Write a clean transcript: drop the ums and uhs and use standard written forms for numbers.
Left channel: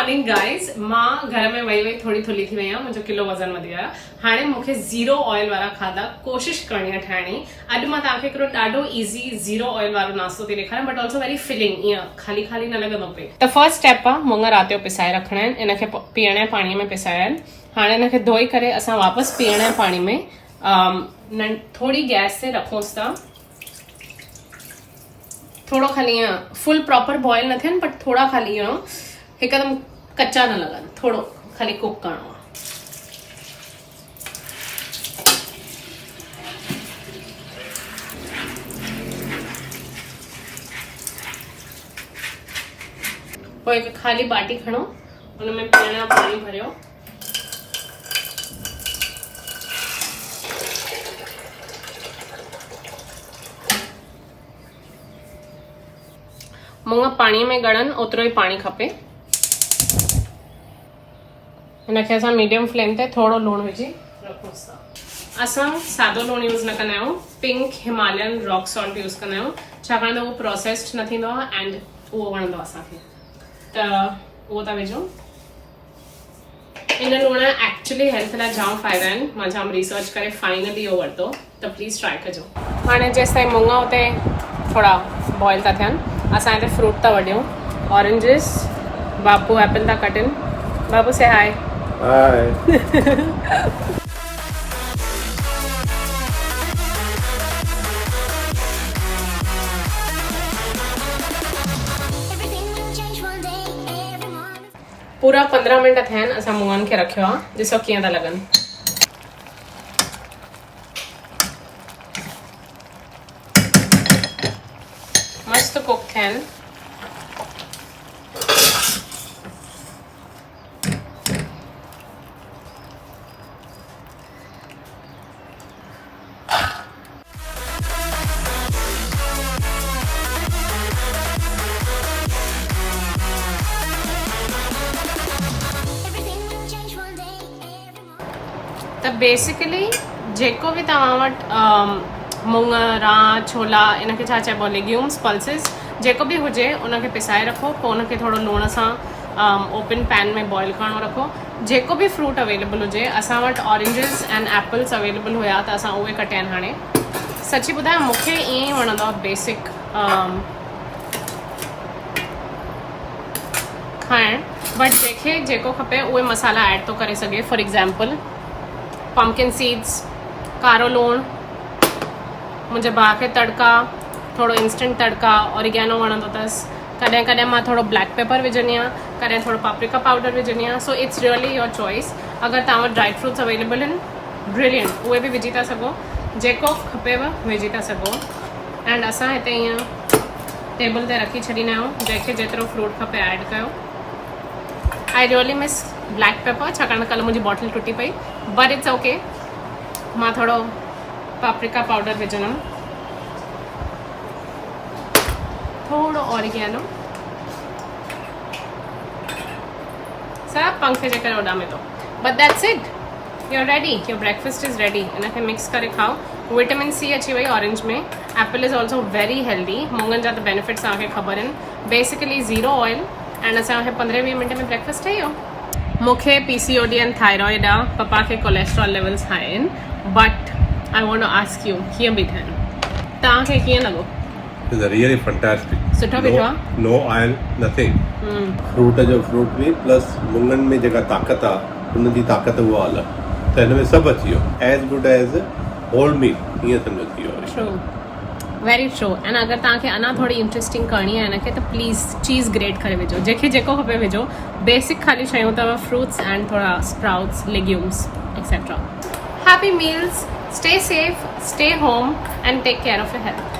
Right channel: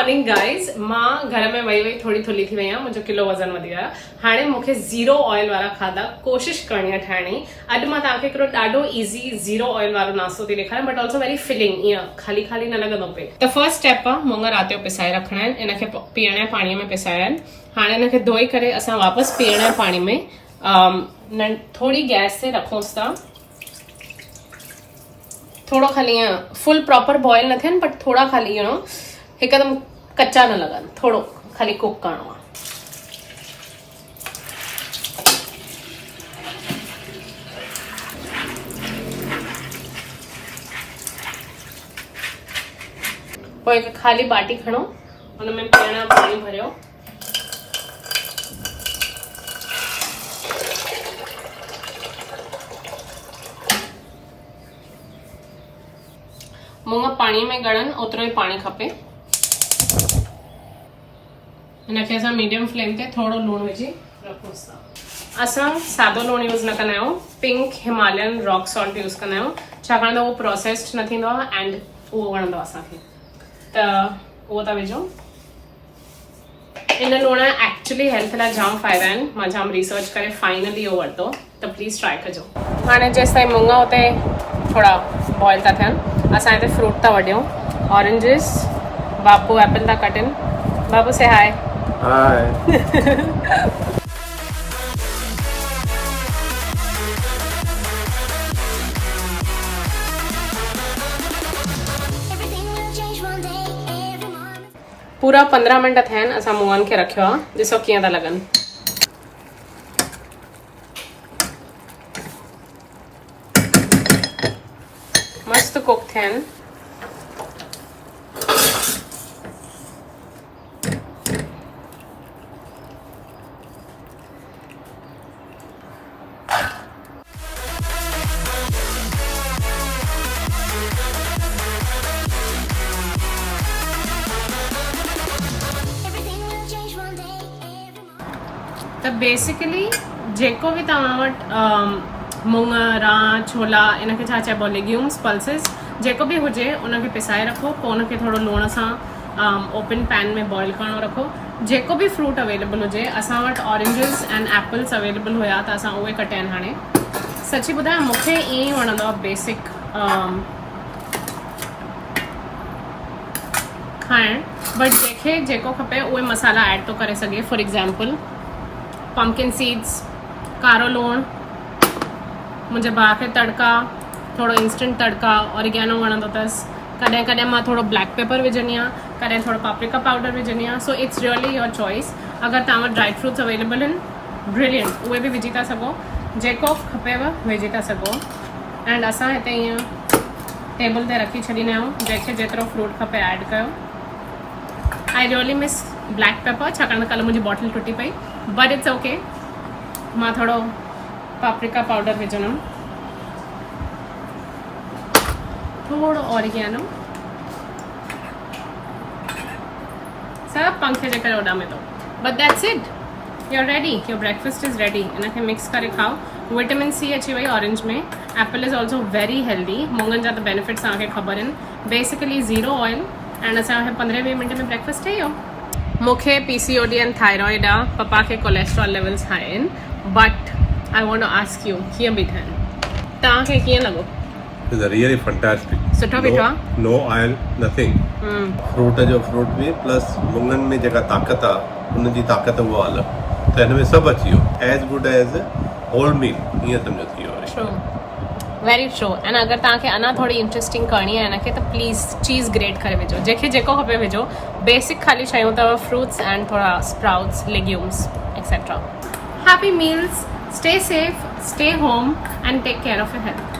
Morning guys. मां घर में वही थोड़ी थुली थी वई आहियां, मुंहिंजो किलो वज़न वधी वियो आहे। हाणे मूंखे ज़ीरो ऑयल वारा खाधा कोशिश करणी आहे ठाहिण जी। अॼु मां तव्हांखे हिकिड़ो ॾाढो ईज़ी ज़ीरो ऑयल वारो नास्तो थी ॾेखारियां, बट ऑल्सो वेरी फिलिंग, ईअं खाली खाली न लॻंदो पे। त फर्स्ट स्टेप आहे मुङ राति जो पिसाए रखणा आहिनि, इनखे पीअण जे पाणीअ में पिसाया आहिनि। हाणे इनखे धोई करे असां वापसि पीअण जे पाणी में थोड़ी गैस ते रखूंसि था। थोड़ो खाली ईअं फुल प्रॉपर बॉयल न थियनि, बट थोड़ा खाली ईअं हिकदम कच्चा न लगन, थोड़ो खाली कुक करणो आहे। पोइ हिकु खाली बाटी खणो, हुनमें पीअण जो पाणी भरियो। मुङ पाणी में ॻड़नि ओतिरो ई पाणी खपे। हिनखे असां मीडियम फ्लेम ते थोड़ो लूण विझी रखूंसि था। असां सादो लूण यूज़ न कंदा आहियूं, pink Himalayan rock salt use कंदा आहियूं, छाकाणि त उहो प्रोसेस्ड न थींदो आहे एंड उहो वणंदो आहे असांखे, त उहो था विझो। इन लूण एक्चुअली हेल्थ लाइ जाम फ़ाइदा आहिनि, मां जाम रिसर्च करे फाइनली इहो वरितो, त प्लीज़ ट्राई कजो। हाणे जेसि ताईं मुङ हुते थोड़ा बॉयल था थियनि, असां हिते फ्रूट था वढियूं। ऑरेंजिस, बाबू एप्पल था कटिन। बाबू से हाय। हाय। पूरा 15 मिनट थिया आहिनि असां मुङनि खे रखियो आहे, ॾिसो कीअं था लॻनि। मस्त कुक थिया आहिनि। त बेसिकली जेको बि तव्हां वटि मुङ, रां, छोला, इनखे छा चइबो आहे, लेग्यूम्स, पल्सिस, जेको बि हुजे उनखे पिसाए रखो। पोइ उनखे थोरो लूण सां ओपन पैन में बॉयल करणो रखो। जेको बि फ्रूट अवेलेबल हुजे, असां वटि ऑरेंजिस एंड एप्पल्स अवेलेबल हुया त असां उहे कटिया आहिनि। हाणे सची ॿुधायां मूंखे ईअं ई वणंदो आहे बेसिक खाइण, बट जंहिंखे जेको खपे उहे मसाला ऐड थो करे सघे। फॉर एग्जाम्पल पम्पकिन सीड्स, कारो लूण, मुंहिंजे भाउ खे तड़का, थोड़ो इंस्टेंट तड़का, ऑरिगेनो वणंदो अथसि। कॾहिं कॾहिं मां थोड़ो ब्लैक पेपर विझंदी आहियां, कॾहिं थोड़ो पापरिका पाउडर विझंदी आहियां। So it's really your choice. अगरि तव्हां वटि ड्राई फ्रूट्स अवेलेबल आहिनि, ब्रिलियंट, उहे बि विझी था सघो, जेको खपेव विझी था सघो। एंड असां हिते ईअं टेबल ते रखी छॾींदा आहियूं, जंहिंखे जेतिरो फ्रूट खपे ऐड कयो। I really miss black pepper, छाकाणि कल्ह मुंहिंजी बॉटल टुटी पई, बट इट्स ओके। मां थोड़ो पापरिका पाउडर विझंदमि, थोड़ो ऑरिगेनो, सब पंखे जे करे उॾामे थो। But that's it, your ready, your breakfast is ready. इनखे मिक्स करे खाओ। विटामिन सी अची वई ऑरेंज में। Apple is also very healthy. मुङनि जा त बेनिफिट्स तव्हांखे ख़बर आहिनि। बेसिकली ज़ीरो ऑयल एंड असांखे 15-20 मिनट में ब्रेकफास्ट ठही वियो। मूंखे PCOD एंड थायराइड आहे, पप्पा खे कोलेस्ट्रॉल लेवल्स हाई आहिनि, but I want to ask you कीअं बि थियनि, तव्हांखे कीअं लॻो? It's really fantastic. सुठो बीठो आहे, No oil, nothing. फ्रूट जो फ्रूट बि प्लस मुङनि में जेका ताक़त आहे उन जी ताक़त उहा अलॻि, त हिन में सभु अची वियो। As good as whole meal, ईअं सम्झो थी वियो। True, very true. एंड अगरि तव्हांखे अञा थोड़ी इंटरेस्टिंग करणी आहे हिनखे, त प्लीज़ चीज़ ग्रेट करे विझो, जंहिंखे जेको खपे विझो। बेसिक खाली शयूं अथव, फ्रूट्स एंड थोड़ा sprouts, legumes etcetera. Happy meals, stay safe, stay home and take care of your health.